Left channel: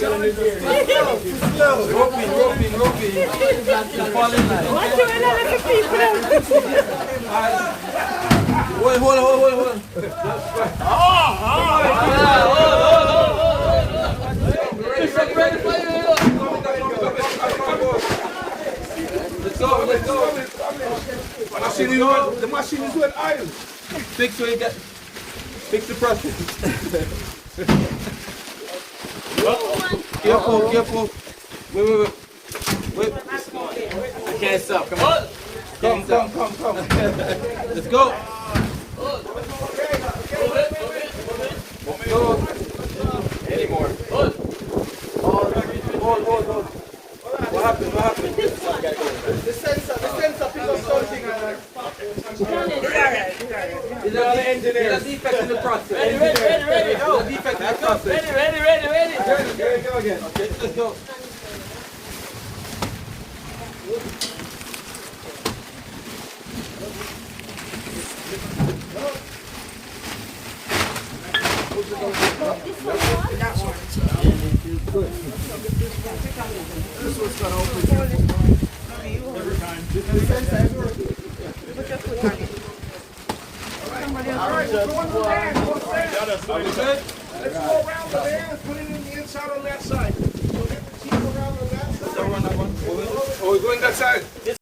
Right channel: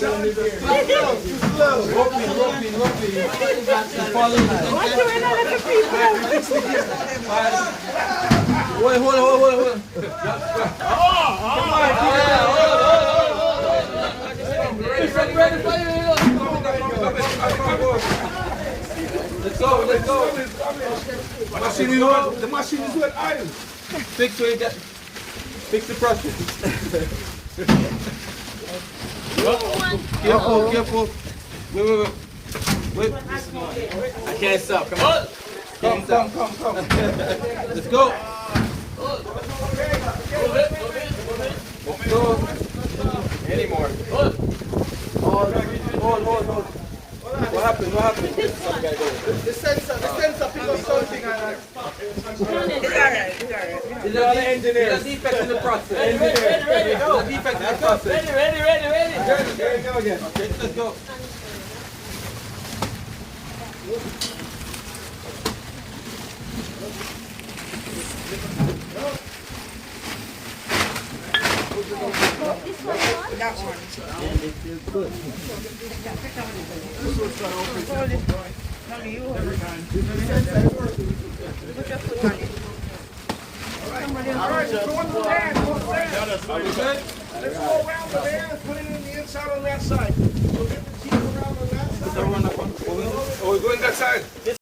Roping. Fall in line. Hold. Let's go. The machine is with oil. Fix the process. Careful. Wait. I can't stop. Come on. Come. Let's go. Let's go. Any more? Hold. What happened? The sensor pick up something and it's on the engineer. There's a defect in the process. Ready. Go again. Okay, let's go. This one's gonna open every time. Alright, go on the van. Let's go around the van and put it in the inside on that side. So get the team around on that side. Oh, we're going that side.